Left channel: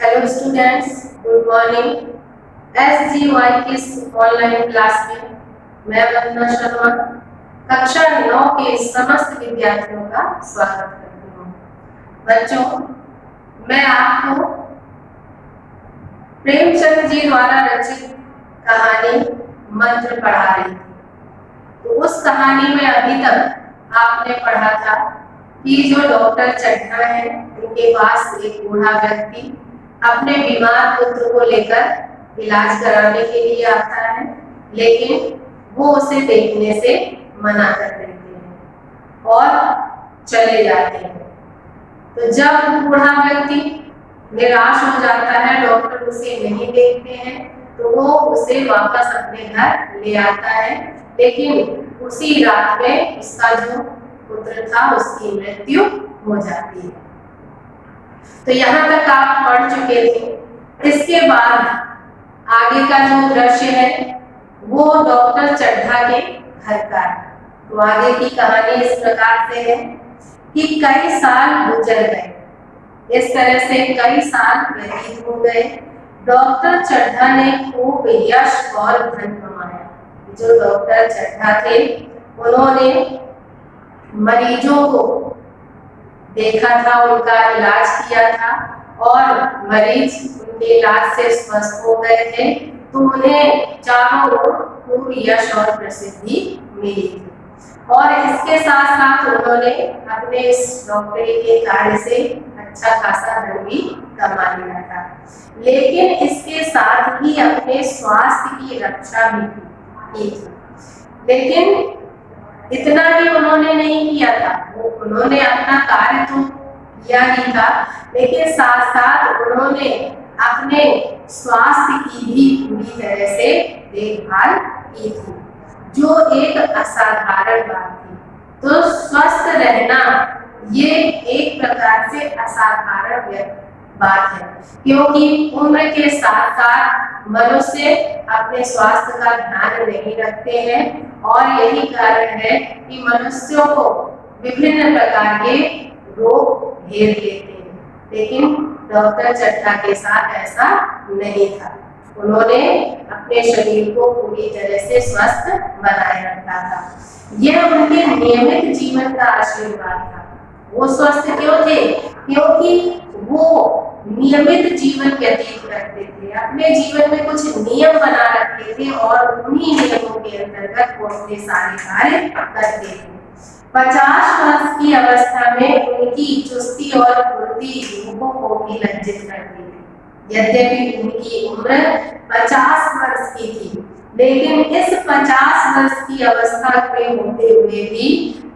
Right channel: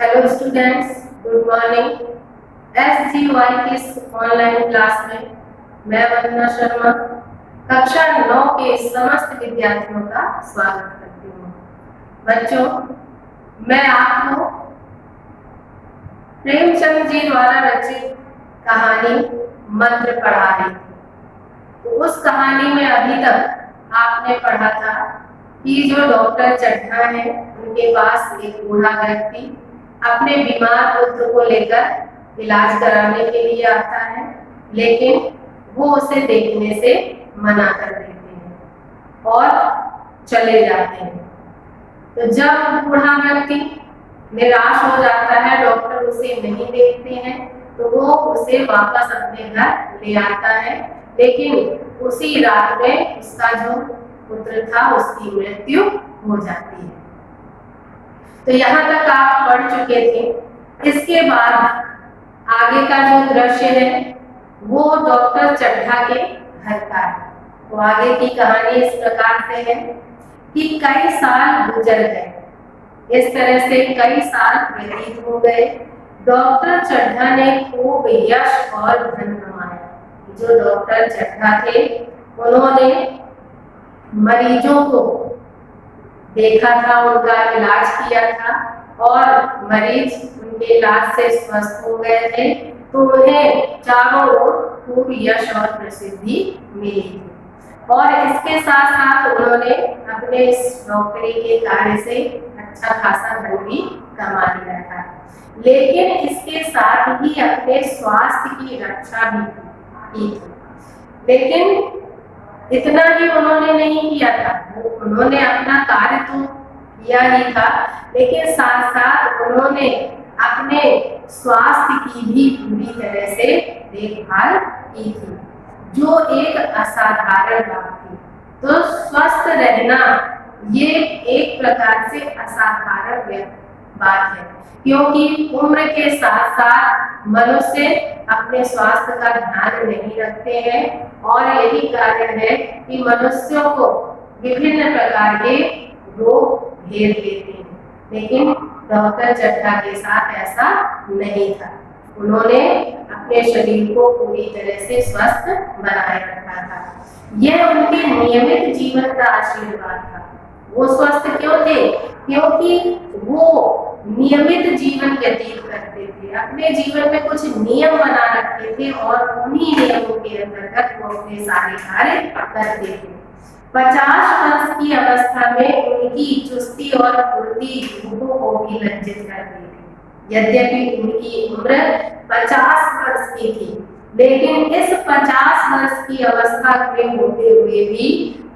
Hello students, good morning. SGY की इस online class में मैं वंदना शर्मा कक्षा 9 के समस्त विद्यार्थियों का स्वागत करती हूँ। बच्चों, मैं आपको प्रेमचंद जी द्वारा रचित कहानी मंत्र पढ़ा रही थी। तो उस कहानी में अभी तक आपने पढ़ा था कि जो डॉक्टर चड्ढा है, उनके पास एक बूढ़ा व्यक्ति अपने बीमार पुत्र को लेकर इलाज कराने के लिए आता है, लेकिन वो उसे देखने से मना कर देते हैं और चले जाते हैं। तो जब बूढ़ा व्यक्ति निराश हो जाता है, डॉक्टर उसे नहीं देखते हैं, तो वो उसे वापस अपने घर ले आता है, लेकिन उसी रात में उसका जो पुत्र था उसकी मृत्यु हो जाती है। तो यहाँ तक आप पढ़ चुके थे। इसके बाद आगे का जो दृश्य है वो डॉक्टर चड्ढा के घर का है। तो आगे की कहानी इस प्रकार से है कि कई साल गुजर गए। इस तरह से कई साल व्यतीत हो गए। डॉक्टर चड्ढा ने खूब यश और धन कमाया। जो डॉक्टर चड्ढा थे, उन्होंने मरीजों को देखा था, उनका इलाज किया था और मरीज उनके इलाज से स्वस्थ हो गए थे। तो उन्हें चारों ओर खूब यश और प्रसिद्धि मिली थी और इसके साथ साथ उन्होंने अपने इस डॉक्टरी के कार्य से अच्छा खासा धन भी कमा लिया था। लेकिन इसके साथ ही अपने स्वास्थ्य की रक्षा भी की थी। लेकिन इतना ही उन्होंने नहीं किया था। उन्होंने अपना कार्य तो किया ही था, लेकिन साथ साथ उन्होंने अपने स्वास्थ्य की भी पूरी तरह से देखभाल की थी, जो एक असाधारण बात थी। तो स्वस्थ रहना ये एक प्रकार से असाधारण बात है, क्योंकि उम्र के साथ साथ मनुष्य अपने स्वास्थ्य का ध्यान नहीं रखते हैं और यही कारण है कि मनुष्यों को विभिन्न प्रकार के रोग घेर लेते हैं। लेकिन डॉक्टर चड्ढा के साथ ऐसा नहीं था। उन्होंने अपने शरीर को पूरी तरह से स्वस्थ बनाए रखा था। यह उनके नियमित जीवन का आशीर्वाद था। वो स्वस्थ क्यों थे? क्योंकि वो नियमित जीवन व्यतीत करते थे। अपने जीवन में कुछ नियम बना रखते थे और उन्हीं नियमों के अंतर्गत वो अपने सारे कार्य करते थे। 50 वर्ष की अवस्था में उनकी चुस्ती और फुर्ती लोगों को भी लज्जित करती थी। यद्यपि उनकी उम्र 50 वर्ष की थी, लेकिन इस 50 वर्ष की अवस्था में होते हुए भी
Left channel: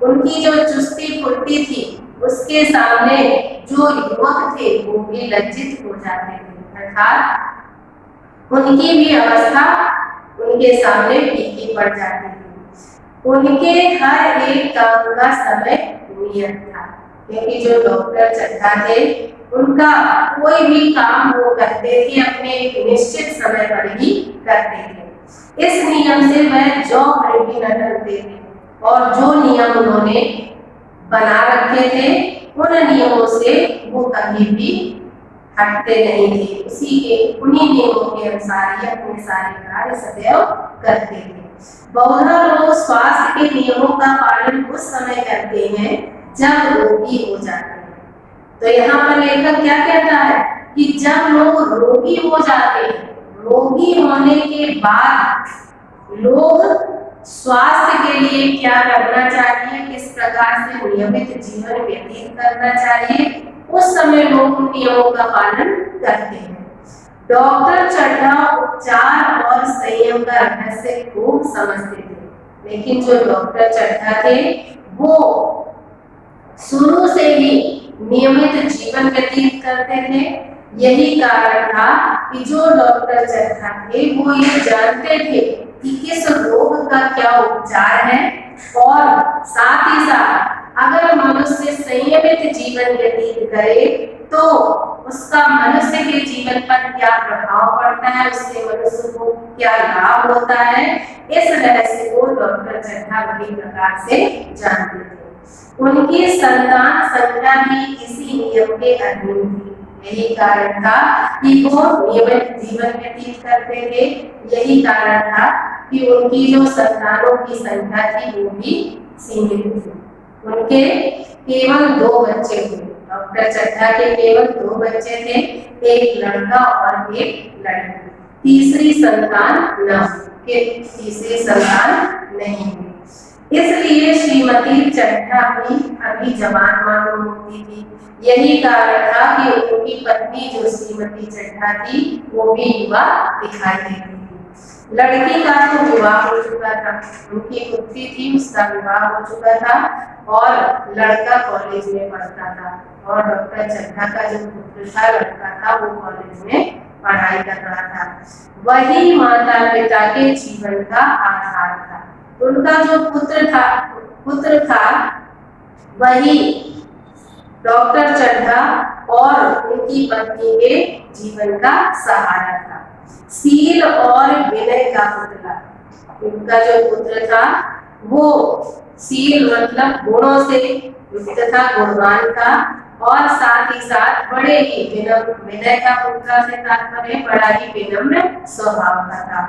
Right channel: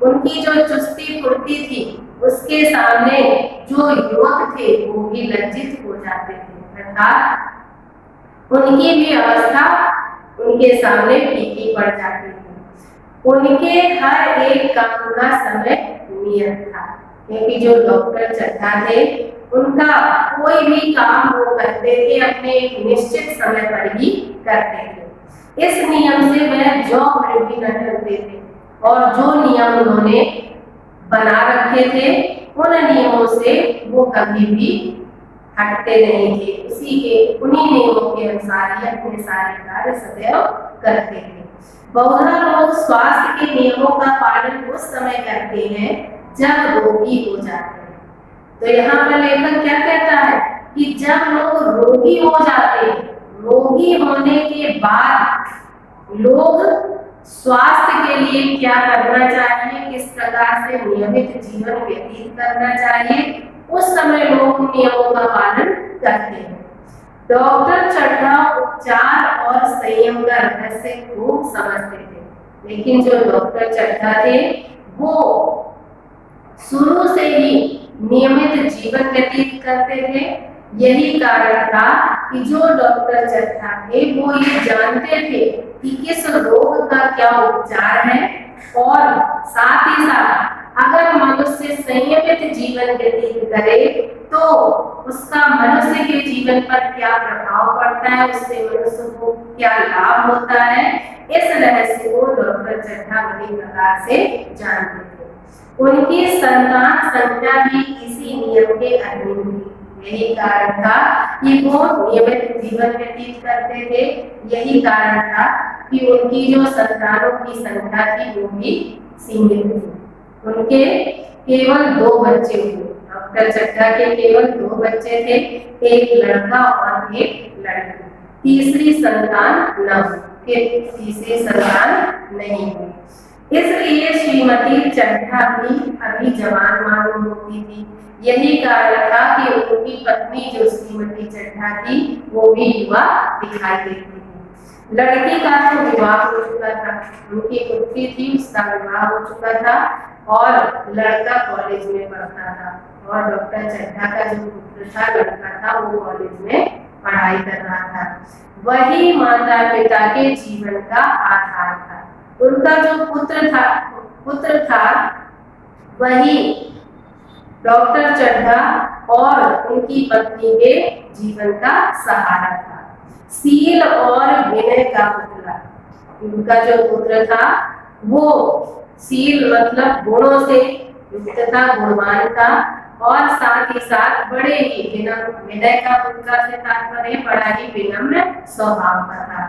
उनकी जो चुस्ती फुर्ती थी, उसके सामने जो युवक थे वो भी लज्जित हो जाते थे, अर्थात उनकी भी अवस्था उनके सामने फीकी पड़ जाती थी। उनके हर एक काम का समय नियत था, क्योंकि जो डॉक्टर चड्ढा थे उनका कोई भी काम वो करते थे अपने एक निश्चित समय पर ही करते थे। इस नियम से वह जौ भर भी न टलते थे और जो नियम उन्होंने बना रखे थे उन नियमों से वो कभी भी हटते नहीं थे। उन्हीं नियमों के अनुसार ही अपने सारे कार्य सदैव करते थे। बहुधा लोग स्वास्थ्य के नियमों का पालन उस समय करते हैं जब रोगी हो जाते हैं। तो यहाँ पर लेखक क्या कहता है कि जब लोग रोगी हो जाते हैं, रोगी होने के बाद लोग स्वास्थ्य के लिए क्या करना चाहिए, किस प्रकार से नियमित जीवन व्यतीत करना चाहिए, उस समय लोग नियमों का पालन करते हैं। डॉक्टर चड्ढा उपचार और संयम का रहस्य खूब समझते थे, लेकिन जो डॉक्टर चड्ढा थे वो शुरू से ही नियमित जीवन व्यतीत करते थे। यही कारण था कि जो डॉक्टर चड्ढा थे वो ये जानते थे कि किस रोग का क्या उपचार है और साथ ही साथ अगर मनुष्य संयमित जीवन व्यतीत करे तो उसका मनुष्य के जीवन पर क्या प्रभाव पड़ता है, उससे मनुष्य को क्या लाभ होता है। इस रहस्य को डॉक्टर चड्ढा बड़ी प्रकार से जानते थे। उनकी संतान संख्या भी इसी नियम के अधीन थी। यही कारण था कि वो नियमित जीवन व्यतीत करते थे। यही कारण था कि उनकी जो संतानों की संख्या थी वो भी सीमित थी। उनके केवल 2 बच्चे हुए। डॉक्टर चड्ढा के केवल 2 बच्चे थे, एक लड़का और एक लड़की। तीसरी संतान नहीं हुई। इसलिए श्रीमती चड्ढा भी अभी जवान मालूम होती थी। यही कारण था कि उनकी पत्नी जो श्रीमती चड्ढा थी वो भी युवा दिखाई देती थी। लड़की का तो विवाह हो चुका था, उनकी पुत्री थी, उसका विवाह हो चुका था और लड़का कॉलेज में पढ़ता था। और डॉक्टर चड्ढा का जो पुत्र था, लड़का था, वो कॉलेज में पढ़ाई कर रहा था। वही माता पिता के जीवन का आधार था। उनका जो पुत्र था वही डॉक्टर चड्ढा और उनकी पत्नी के जीवन का सहारा था। सील और विनय का पुतला। उनका जो पुत्र था वो सील मतलब गुणों से युक्त था, गुणवान था और साथ ही साथ बड़े ही विनय का पुत्र से तात्पर्य बड़ा ही विनम्र स्वभाव का था,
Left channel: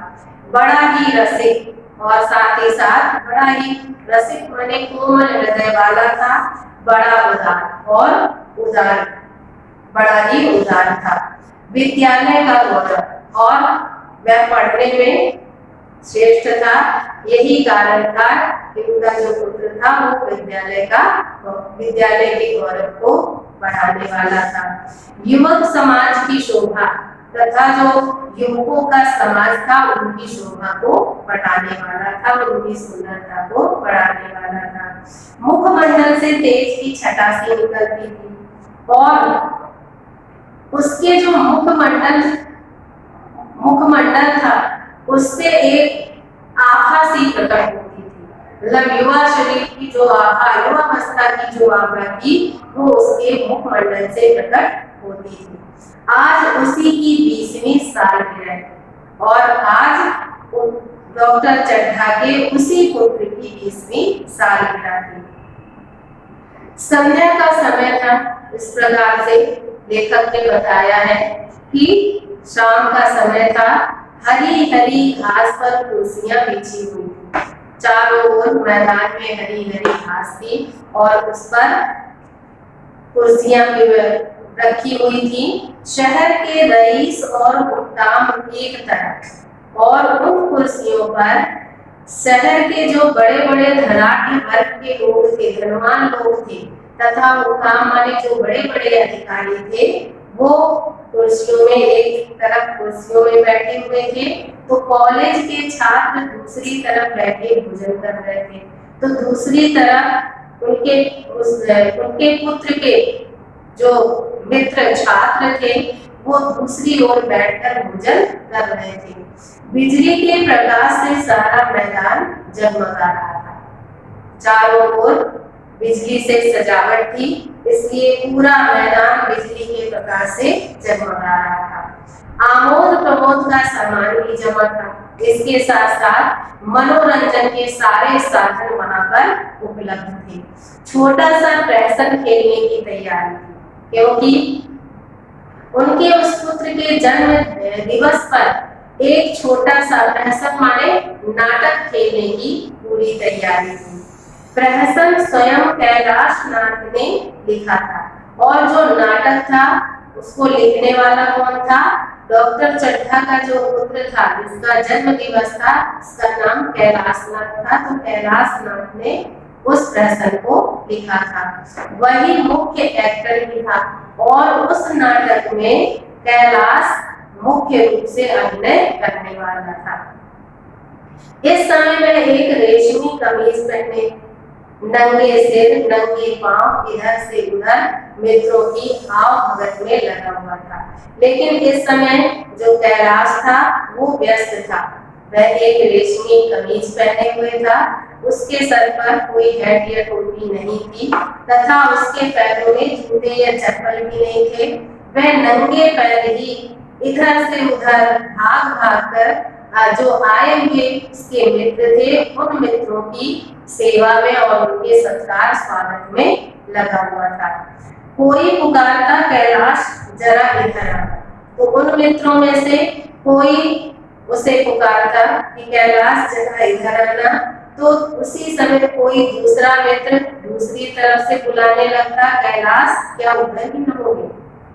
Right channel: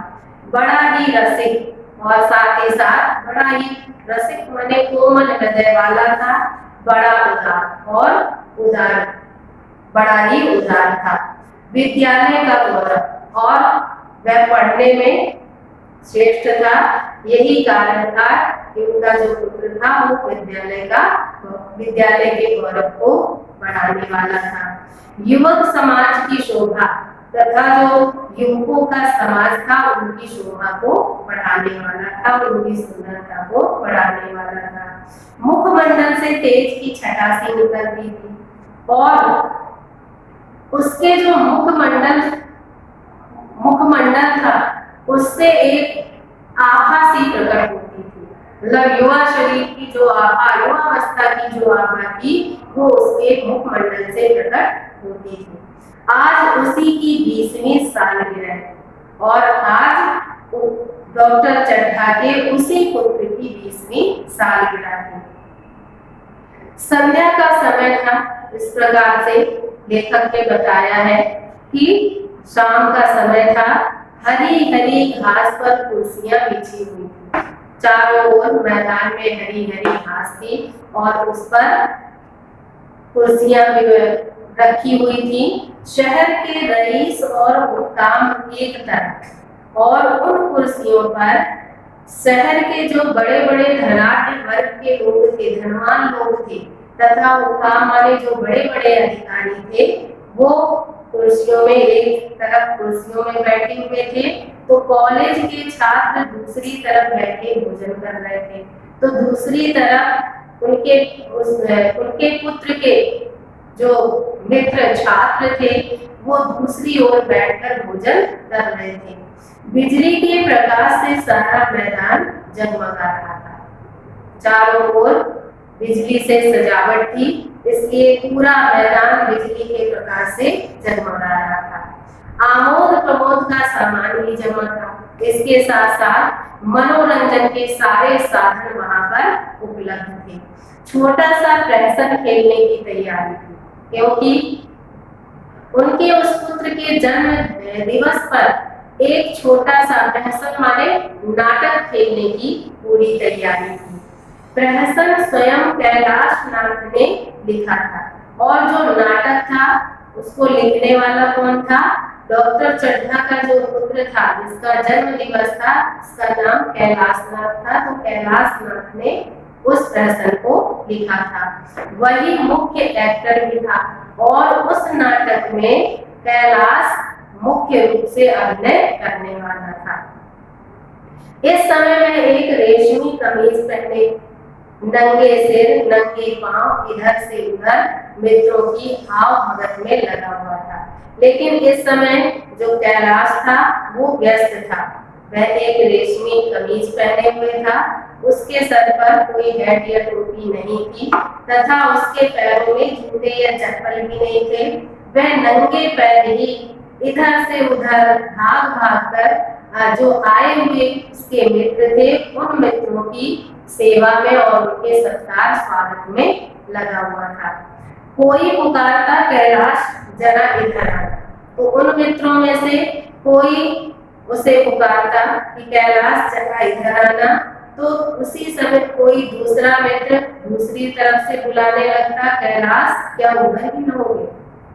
बड़ा ही रसिक और साथ ही साथ बड़ा ही रसिक माने कोमल हृदय वाला था, बड़ा ही उदार था। विद्यालय का गौरव और वह पढ़ने में श्रेष्ठ था। यही कारण था कि उनका जो पुत्र था वो विद्यालय के गौरव को बढ़ाने वाला था। युवक समाज की शोभा तथा जो युवकों का समाज था उनकी शोभा को बढ़ाने वाला था, उनकी सुंदरता को बढ़ाने वाला था। मुखमंडल से तेज की छटासी निकलती थी और उसके जो मुखमंडल था उससे एक आभा सी प्रकट होती थी। मतलब युवा शरीर की जो आभा, युवावस्था की जो आभा थी वो उसके मुखमंडल से प्रकट होती थी। आज उसी की 20वीं सालगिरह और आज डॉक्टर चड्ढा के उसी पुत्र की 20वीं सालगिरह थी। संध्या का समय था। इस प्रकार से लेखक ने बताया है कि शाम का समय था। हरी हरी घास पर कुर्सियां बिछी हुई थी। चारों ओर मैदान में हरी हरी घास थी और उस पर कुर्सियां रखी हुई थी। शहर के रईस और हुक्काम एक तरफ और उन कुर्सियों पर शहर के जो बड़े बड़े धनाढ्य वर्ग के लोग थे, धनवान लोग थे तथा हुक्काम माने जो बड़े बड़े अधिकारी थे वो कुर्सियों में एक तरफ कुर्सियों में बैठे हुए थे। तो कॉलेज के छात्र दूसरी तरफ बैठे भोजन कर रहे थे। तो दूसरी तरफ उनके पुत्र के जो मित्र छात्र थे वो दूसरी ओर बैठकर भोजन कर रहे थे। बिजली के प्रकाश से सारा मैदान जगमगा रहा था। चारों ओर बिजली से सजावट थी, इसलिए पूरा मैदान बिजली के प्रकाश से जगमगा रहा था। आमोद प्रमोद का सामान भी जमा था। इसके साथ साथ मनोरंजन के सारे साधन वहां पर उपलब्ध थे। छोटा सा प्रहसन खेलने की तैयारी थी, क्योंकि उनके उस पुत्र के जन्म दिवस पर एक छोटा सा प्रहसन माने नाटक खेलने की पूरी तैयारी थी। प्रहसन स्वयं कैलाश नाथ ने लिखा था और जो नाटक था उसको लिखने वाला कौन था? डॉक्टर चड्ढा का जो पुत्र था जिसका जन्म दिवस था, उसका नाम कैलाश नाथ था। तो कैलाश नाथ ने उस प्रहसन को लिखा था। वही मुख्य एक्टर भी था और उस नाटक में कैलाश मुख्य रूप से अभिनय करने वाला था। इस समय में एक रेशमी कमीज पहने, नंगे सिर नंगे पांव इधर से उधर मित्रों की भाव भगत में लगा हुआ था। लेकिन इस समय जो कैलाश था वो व्यस्त था। वह एक रेशमी कमीज पहने हुए था, उसके सर पर कोई हैट या टोपी नहीं थी तथा उसके पैरों में जूते या चप्पल भी नहीं थे। वह नंगे पैर ही इधर से उधर भाग भाग कर जो आए हुए उसके मित्र थे उन मित्रों की सेवा में और उनके सत्कार स्वागत में लगा हुआ था। कोई पुकारता कैलाश जरा इधर आना। तो उन मित्रों में से कोई उसे पुकारता कि कैलाश जरा इधर आना, तो उसी समय कोई दूसरा मित्र दूसरी तरफ से बुलाने लगता, कैलाश क्या उधर ही रहोगे,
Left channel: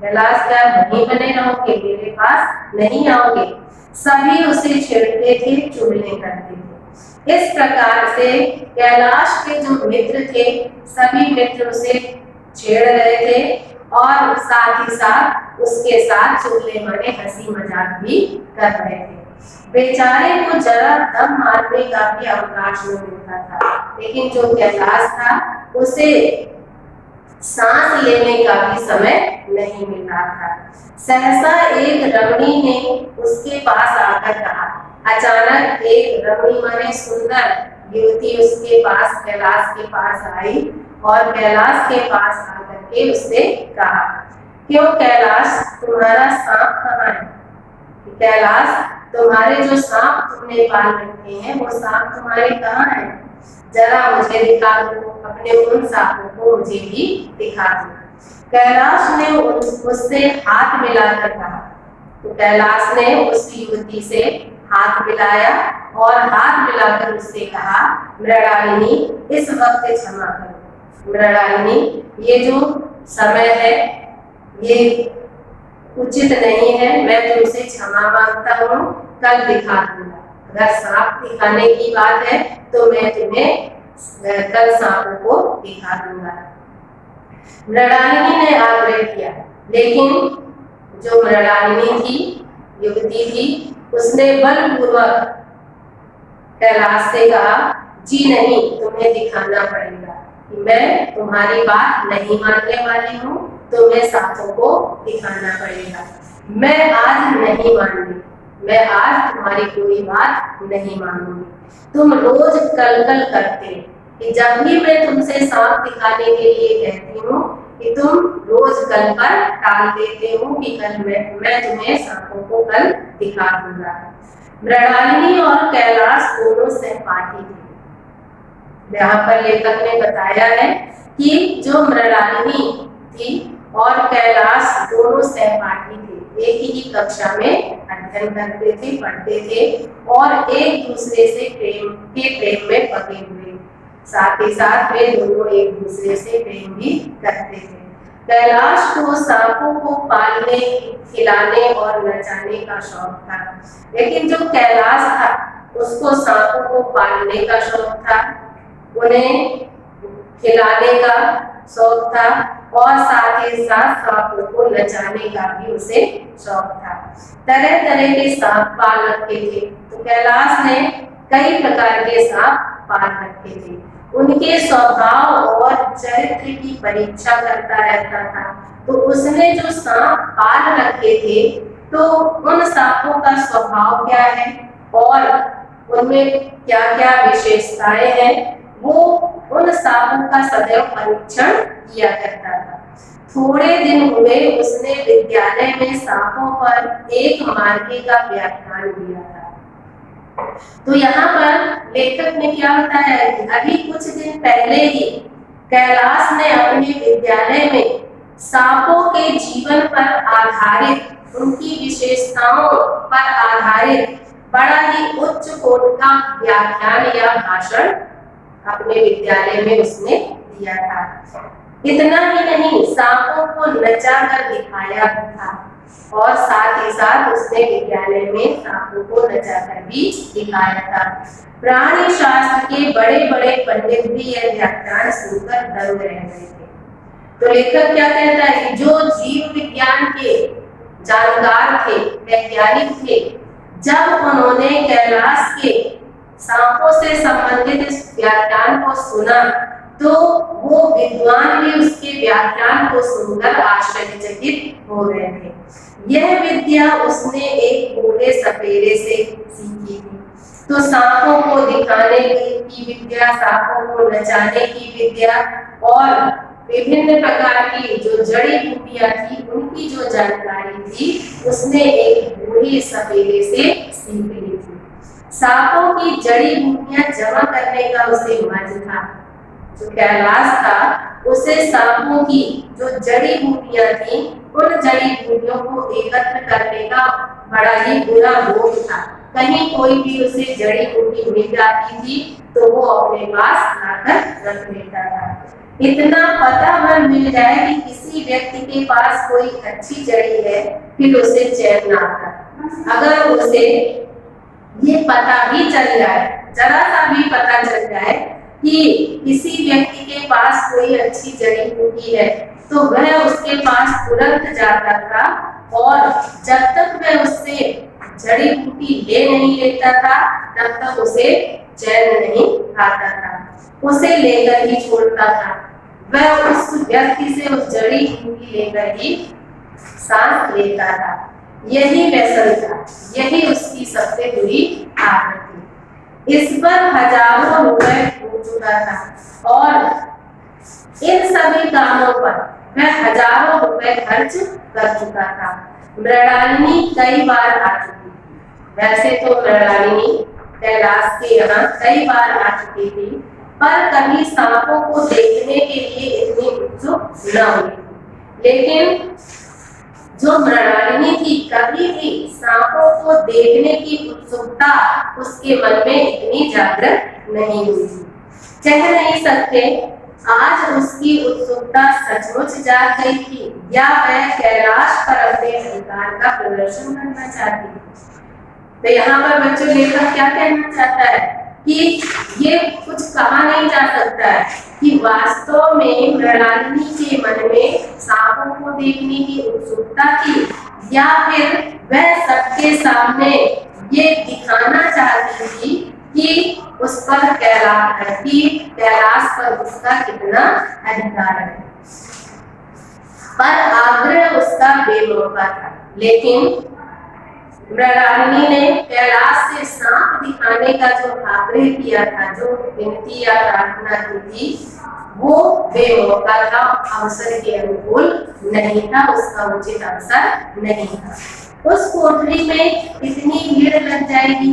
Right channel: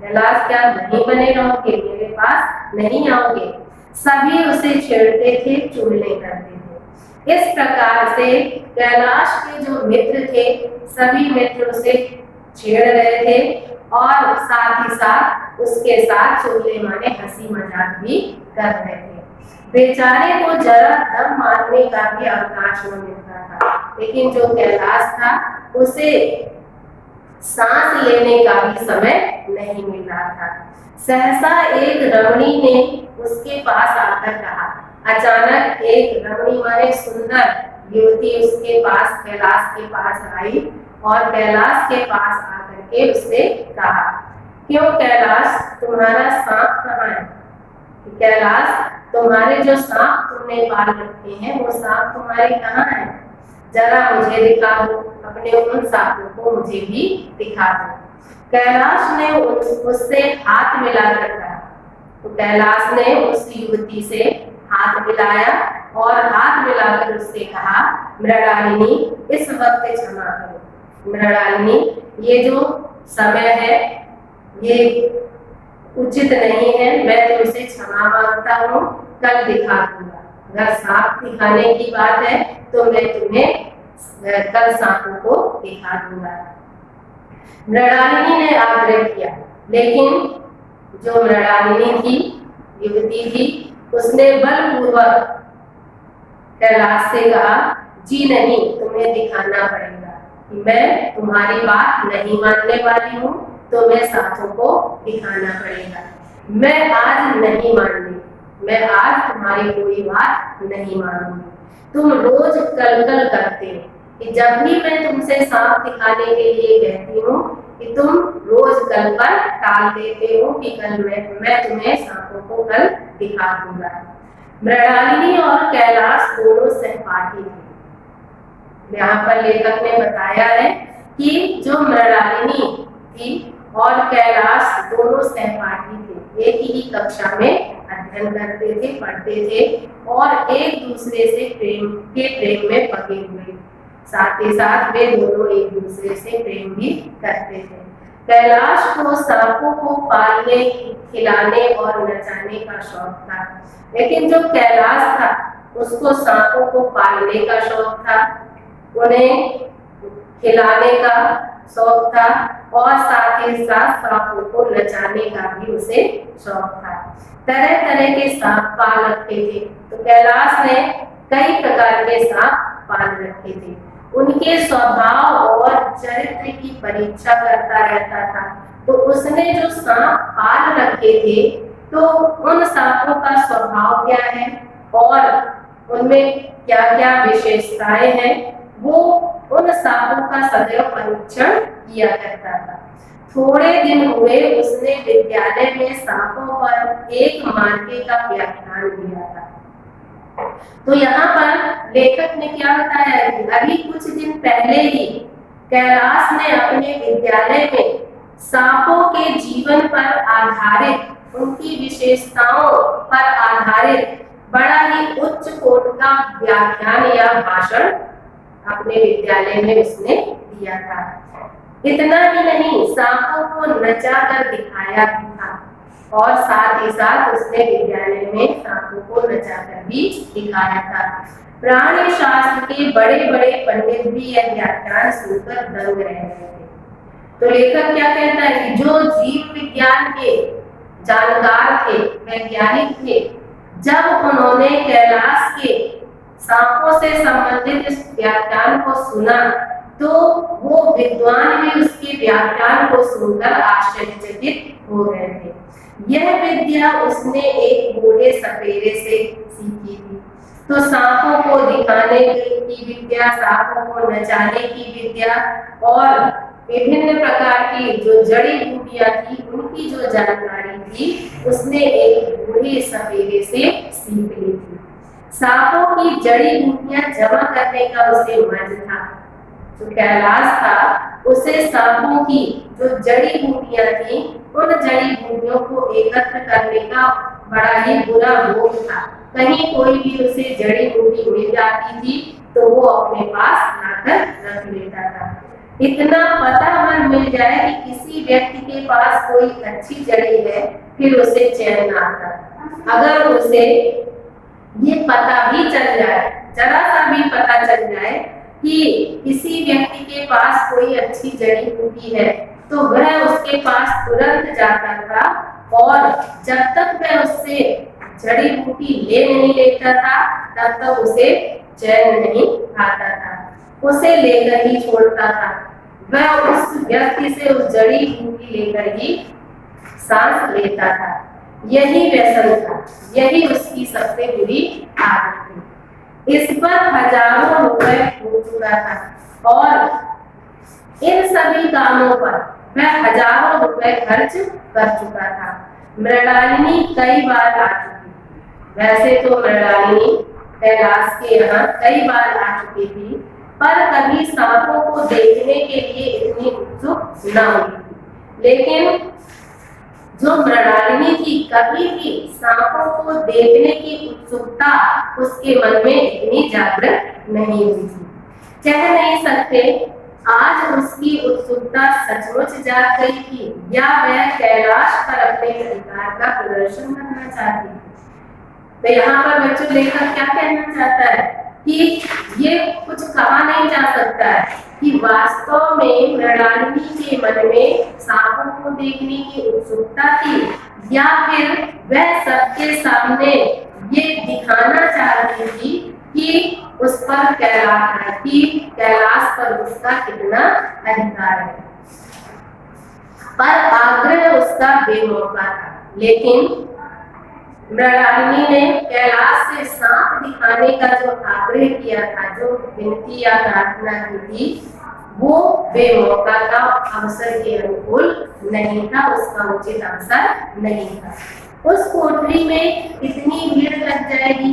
कैलाश क्या नहीं बने रहोगे, मेरे पास नहीं आओगे। सभी उसे छेड़ते थे, चुगली करते थे। इस प्रकार से कैलाश के जो मित्र थे सभी मित्र उसे छेड़ रहे थे और साथ ही साथ उसके साथ चुगली माने हंसी मजाक भी कर रहे थे। बेचारे को जरा दम मारने का भी अवकाश न मिलता था, लेकिन जो कैलाश था उसे सांस लेने का भी समय नहीं मिल रहा था। सहसा एक रमणी ने उसके पास आकर कहा, अचानक एक रमणी माने सुंदर युवती उसके पास कैलाश के पास आई और कैलाश के पास आकर के उससे कहा, क्यों कैलाश तुम्हारा सांप कहाँ है? कैलाश तुम्हारे जो सांप तुमने पाल रखे हैं वो सांप तुम्हारे कहाँ हैं? जरा मुझे दिखा दो, अपने उन सांपों को मुझे भी दिखा दो। कैलाश ने उससे हाथ मिलाकर कहा। तो कैलाश ने उस युवती से हाथ मिलाया और हाथ मिलाकर उससे कहा, मृणालिनी इस वक्त क्षमा करो। मृणालिनी ये जो समय है ये उचित नहीं है, मैं तुमसे क्षमा मांगता हूँ, कल दिखा दूंगा। अगर सांप दिखाने की बात है तो मैं तुम्हें कल सांपों को दिखा दूंगा। मृणालिनी ने आग्रह किया, लेकिन जो मृणालिनी थी, युवती थी, उसने बलपूर्वक कैलाश से कहा, जी नहीं, तुम्हें दिखाना पड़ेगा, मैं तुम्हारी बात नहीं मानने वाली हूँ, तुम्हें सांपों को दिखाना पड़ेगा। मैं आज नहीं मानूंगी, मैं आज तुम्हारी कोई बात नहीं मानूंगी। तुम रोज कल कल करते कि जब भी मैं तुमसे सांप दिखाने के लिए कहती हूँ कि तुम रोज कल पर टाल देते हो कि कल मैं तुम्हें सांपों को कल दिखा दूंगा। मृणालिनी और कैलाश दोनों सहपाठी थे। यहाँ पर लेखक ने बताया है कि जो मृणालिनी थी और कैलाश दोनों सहपाठी थे, एक ही कक्षा में अध्ययन करते थे, पढ़ते थे और एक दूसरे से प्रेम में पगे हुए, साथ ही साथ वे दोनों एक दूसरे से प्रेम भी करते थे। कैलाश को सांपों को पालने, खिलाने और नचाने का शौक था, लेकिन जो कैलाश था उसको सांपों को पालने का शौक था, उन्हें खिलाने का शौक था और साथ ही साथ सांपों को नचाने का भी उसे शौक था। तरह तरह के सांप पाल रखे थे। तो कैलाश ने कई प्रकार के सांप पाल रखे थे। उनके स्वभाव और चरित्र की परीक्षा करता रहता था। तो उसने जो सांप पाल रखे थे तो उन सांपों का स्वभाव क्या है और उनमें क्या क्या विशेषताएं हैं, वो उन सांपों का सदैव परीक्षण किया करता था। थोड़े दिन हुए उसने विद्यालय में सांपों पर एक मार्के का व्याख्यान दिया था। तो यहाँ पर लेखक ने क्या बताया है कि अभी कुछ दिन पहले ही कैलाश ने अपने विद्यालय में सांपों के जीवन पर आधारित, उनकी विशेषताओं पर आधारित बड़ा ही उच्च कोटि का व्याख्यान या भाषण अपने विद्यालय में उसने दिया था। इतना ही नहीं, सांपों को नचा कर दिखाया भी था और साथ ही साथ उसने विद्यालय में सांपों को नचा कर भी दिखाया था। प्राणी शास्त्र के बड़े बड़े पंडित भी यह व्याख्यान सुनकर दंग रह गए थे। तो लेखक क्या कहता है कि जो जीव विज्ञान के जानकार थे, वैज्ञानिक थे, जब उन्होंने कैलाश के सांपों से संबंधित इस व्याख्यान को सुना तो वो विद्वान भी उसके व्याख्यान को सुनकर आश्चर्यचकित हो गए थे। यह विद्या उसने एक बूढ़े सपेरे से सीखी थी। तो सांपों को दिखाने की विद्या, सांपों को नचाने की विद्या और विभिन्न प्रकार की जो जड़ी बूटियां थी उनकी जो जानकारी थी उसने एक बूढ़े सपेरे से सीख ली थी। सांपों की जड़ी बूटियां जमा करने का उसे मर्ज था। जो कैलाश था उसे सांपों की जो जड़ी बूटियां थी उन जड़ी बूटियों को एकत्र करने का बड़ा ही बुरा भोग था। कहीं कोई भी उसे जड़ी बूटी मिल जाती थी तो वो अपने पास लाकर रख लेता था। इतना पता अगर मिल जाए कि किसी व्यक्ति के पास कोई अच्छी जड़ी है, फिर उसे चैन ना आता। अगर उसे ये पता भी चल जाए, जरा सा भी पता चल जाए कि किसी व्यक्ति के पास कोई अच्छी जड़ी बूटी है, तो वह उसके पास तुरंत जाता था और जब तक वह उससे जड़ी बूटी ले नहीं लेता था तब तक उसे चैन नहीं आता था, उसे लेकर ही छोड़ता था। वह उस व्यक्ति से उस जड़ी बूटी लेकर ही सांस लेता था। यही व्यसन था, यही उसकी सबसे बुरी आदत थी। इस पर हजारों रुपए हो चुका था और इन सभी कामों पर वह हजारों रुपए खर्च कर चुका था। मृणालिनी कई बार आ चुकी थी। वैसे तो मृणालिनी कैलाश के यहाँ कई बार आ चुकी थी, पर कभी सांपों को देखने के लिए इतनी उत्सुक न हुई थी। लेकिन जो मृणालिनी थी, कभी भी सांपों को देखने की उत्सुकता उसके मन में इतनी जागृत नहीं हुई थी। कह नहीं सकते आज उसकी उत्सुकता सचमुच जाग गई थी या वह कैलाश पर अपने अधिकार का प्रदर्शन करना चाहती थी। तो यहाँ पर बच्चों लेखक क्या कहना चाहता है कि ये कुछ कहा नहीं जा सकता है कि वास्तव में मृणालिनी के मन में सांपों को देखने की उत्सुकता थी या फिर वह सबके सामने ये दिखाना चाहती थी कि उस पर कैलाश पर उसका कितना अधिकार है। पर आग्रह उसका बेमौका था। लेकिन मृणालिनी ने कैलाश से सांप दिखाने का जो आग्रह किया था, जो विनती या प्रार्थना की थी, वो बेमौका था, अवसर के अनुकूल नहीं था, उसका उचित अवसर नहीं था। उस कोठरी में इतनी भीड़ लग जाएगी,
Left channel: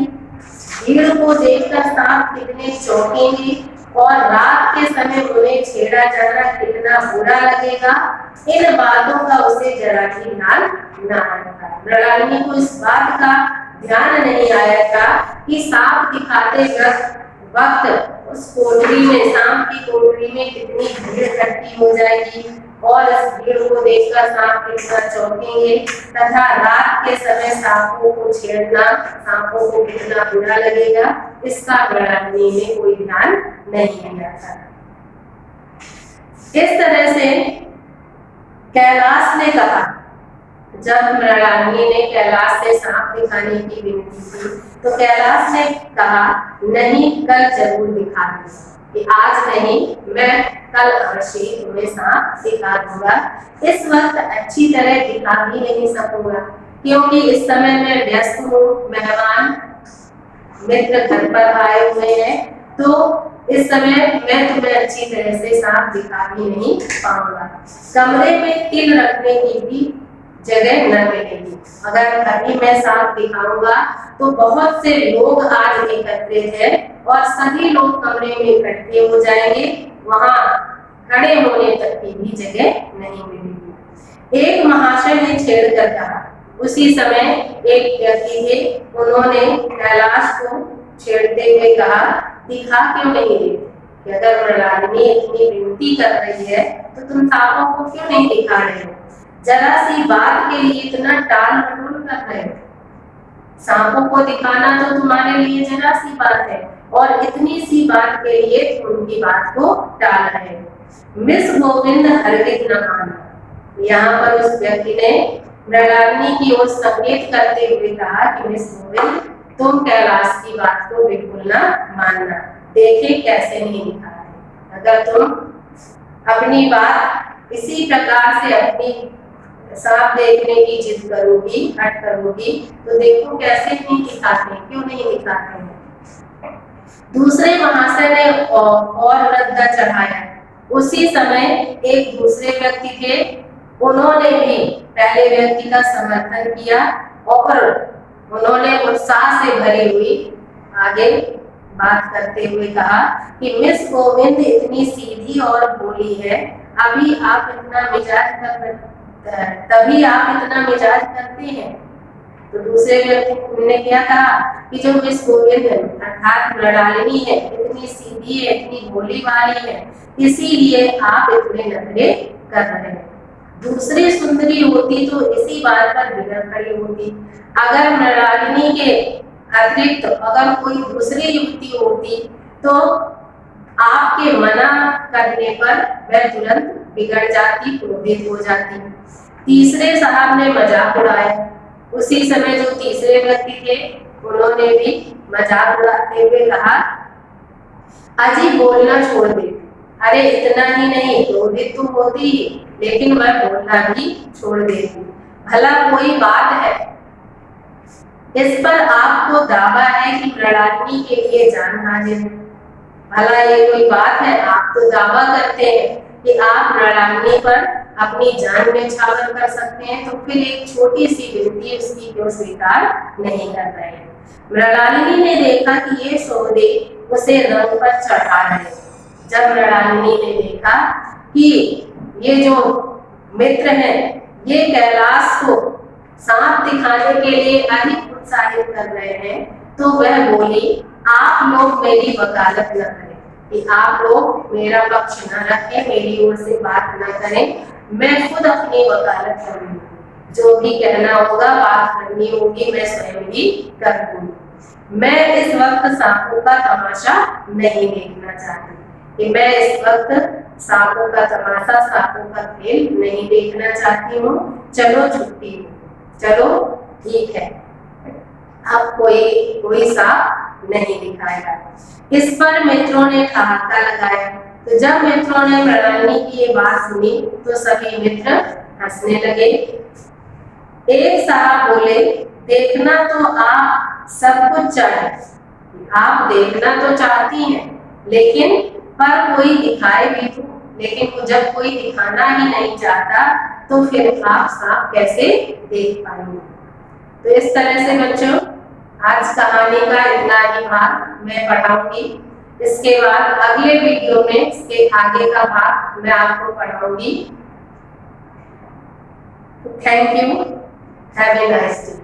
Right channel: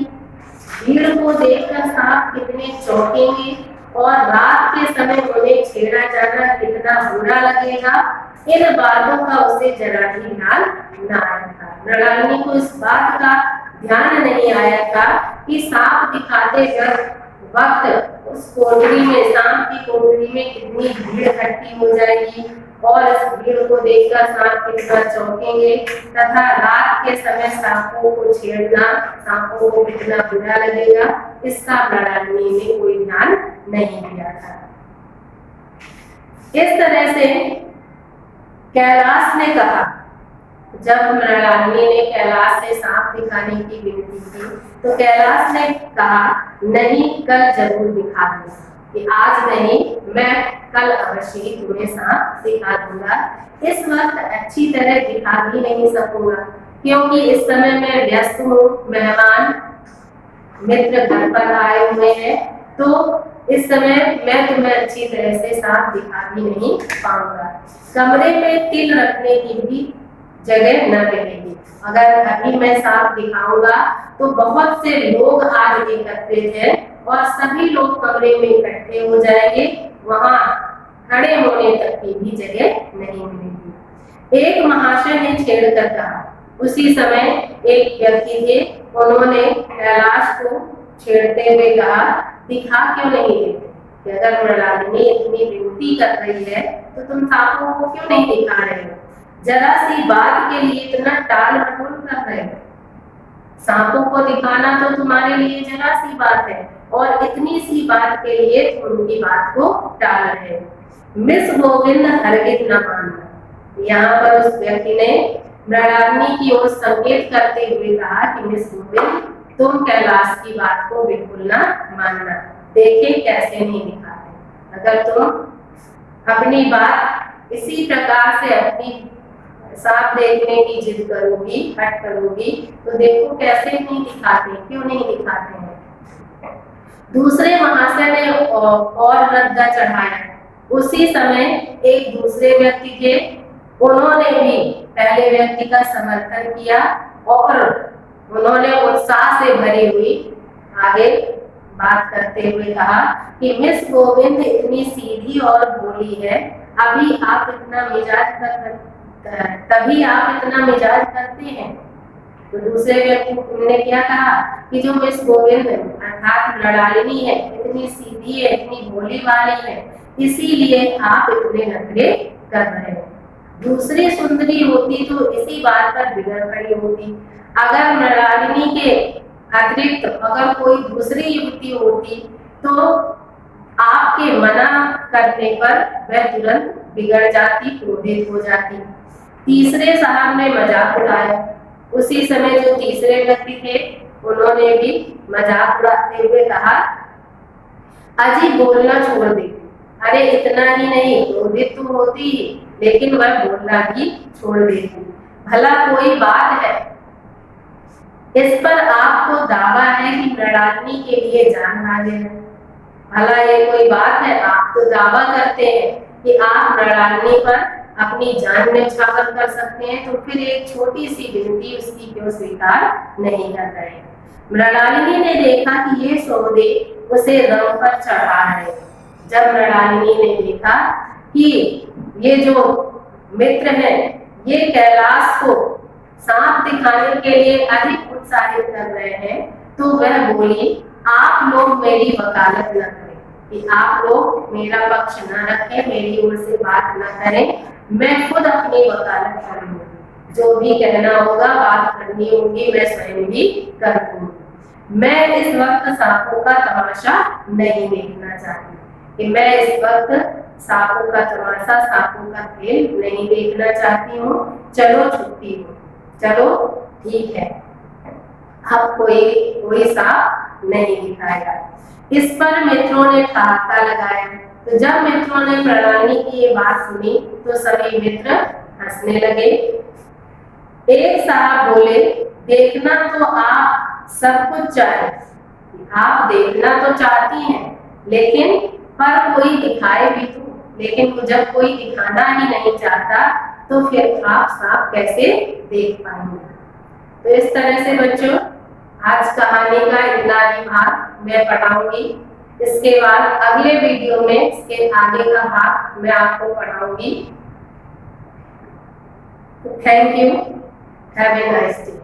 भीड़ को देखकर सांप कितने चौंकेंगे और रात के समय उन्हें छेड़ा जाना कितना बुरा लगेगा, इन बातों का उसे जरा भी ध्यान न आया था। मृणालिनी को इस बात का ध्यान नहीं आया था कि सांप दिखाते वक्त उस कोठरी में, सांप की कोठरी में कितनी भीड़ इकट्ठी हो जाएगी और इस भीड़ को देखकर सांप कितना चौंकेंगे तथा रात के समय सांपों को छेड़ना सांपों को कितना बुरा लगेगा, इसका मृणालिनी ने कोई ध्यान नहीं दिया था। इस तरह से कैलाश ने कहा, जब मृणालिनी ने कैलाश से सांप दिखाने की विनती की तो कैलाश ने कहा, नहीं, कल जरूर दिखा दूंगा, कि आज नहीं, मैं कल अवश्य तुम्हें सांप दिखा दूंगा। इस वक्त अच्छी तरह दिखा भी नहीं सकूंगा क्योंकि इस समय मैं व्यस्त हूँ, मेहमान मित्र घर पर आए हुए हैं, तो इस समय मैं तुम्हें अच्छी तरह से सांप दिखा भी नहीं पाऊंगा। कमरे में तिल रखने की भी जगह न मिलेगी। अगर अभी मैं सांप दिखाऊंगा तो बहुत से लोग आज एकत्रित हैं और सभी लोग कमरे में इकट्ठे हो जाएंगे, वहां खड़े होने तक की भी जगह नहीं मिलेगी। एक महाशय ने छेड़कर कहा। उसी समय एक व्यक्ति थे, उन्होंने कैलाश को छेड़ते हुए कहा, दिखा क्यों नहीं देते? कि अगर मृणालिनी इतनी विनती कर रही है तो तुम सांपों को क्यों नहीं दिखा रहे हो? जरा सी बात के लिए इतना टाल मटोल कर रहे हो। सांपों को दिखाना तो तुम्हारे लिए जरा सी बात है और इतनी सी बात के लिए तुम उनकी बात को टाल रहे हो। मिस गोविंद हरगिज न मानना। यहाँ पर उस व्यक्ति ने मृणालिनी की ओर संकेत करते हुए कहा कि मिस गोविंद, तुम कैलाश की बात को बिल्कुल ना मानना, देखे कैसे नहीं दिखाते। अगर तुम अपनी बात इसी प्रकार से अपनी सांप देखने की जिद करोगी, हट करोगी, तो देखो कैसे नहीं दिखाते, क्यों नहीं दिखाते हैं। दूसरे महाशय ने और रद्दा चढ़ाया। उसी समय एक दूसरे व्यक्ति थे, उन्होंने भी पहले व्यक्ति का समर्थन किया और उन्होंने उत्साह से भरी हुई आगे बात करते हुए कहा कि मिस गोविंद इतनी सीधी और भोली है, अभी आप इतना मिजाज तभी आप इतना मिजाज करते हैं। तो दूसरे व्यक्ति ने क्या कहा कि जो मिस गोविंद अर्थात मृणालिनी है, इतनी सीधी है, इतनी भोली वाली है, इसीलिए आप इतने नखरे कर रहे हैं। दूसरी सुंदरी होती तो इसी बात पर बिगड़ खड़ी होती। अगर मृणालिनी के अतिरिक्त अगर कोई दूसरी युवती होती तो आपके मना करने पर वह तुरंत बिगड़ जाती, क्रोधित हो जाती। तीसरे साहब ने मजाक उड़ाया। उसी समय जो तीसरे व्यक्ति थे उन्होंने भी मजाक उड़ाते हुए कहा, अजी बोलना छोड़ दे। अरे इतना ही नहीं, क्रोधित तो होती ही, लेकिन मैं बोलना भी छोड़ देती। भला कोई बात है? इस पर आपको दावा है कि मृणालिनी के लिए जान हाजिर है। भला ये कोई बात है? आप तो दावा करते हैं कि आप मृणालिनी पर अपनी जान न्यौछावर कर सकते हैं, तो फिर एक छोटी सी विनती उसकी क्यों स्वीकार नहीं कर रहे हैं? मृणालिनी ने देखा कि ये सौदे उसे रंग पर चढ़ा रहे। जब मृणालिनी ने देखा कि ये जो मित्र हैं ये कैलाश को सांप दिखाने के लिए अधिक उत्साहित कर रहे हैं, तो वह बोली, आप लोग मेरी वकालत न करें, कि आप लोग मेरा पक्ष न रखें, मेरी ओर से बात न करें, मैं खुद अपनी वकालत करूंगी। जो भी कहना होगा, बात करनी होगी, मैं स्वयं ही कर दूंगी। मैं इस वक्त सांपों का तमाशा नहीं देखना चाहती, कि मैं इस वक्त सांपों का तमाशा, सांपों का खेल नहीं देखना चाहती हूँ। चलो छुट्टी हो, चलो ठीक है, अब कोई सांप नहीं दिखाएगा। इस पर मित्रों ने ठहाका लगाया। तो जब मित्रों ने मृणालिनी की ये बात सुनी तो सभी मित्र हंसने लगे। एक साहब बोले, देखना तो आप सब कुछ चाहे, आप देखना तो चाहती हैं, लेकिन पर कोई दिखाए भी तो। लेकिन जब कोई दिखाना ही नहीं चाहता तो फिर आप सांप कैसे देख पाएंगे? तो इस तरह से बच्चों आज कहानी का इतना ही भाग मैं पढ़ाऊंगी। इसके बाद अगले वीडियो में इसके आगे का भाग मैं आपको पढ़ाऊंगी। Thank you, have a nice day.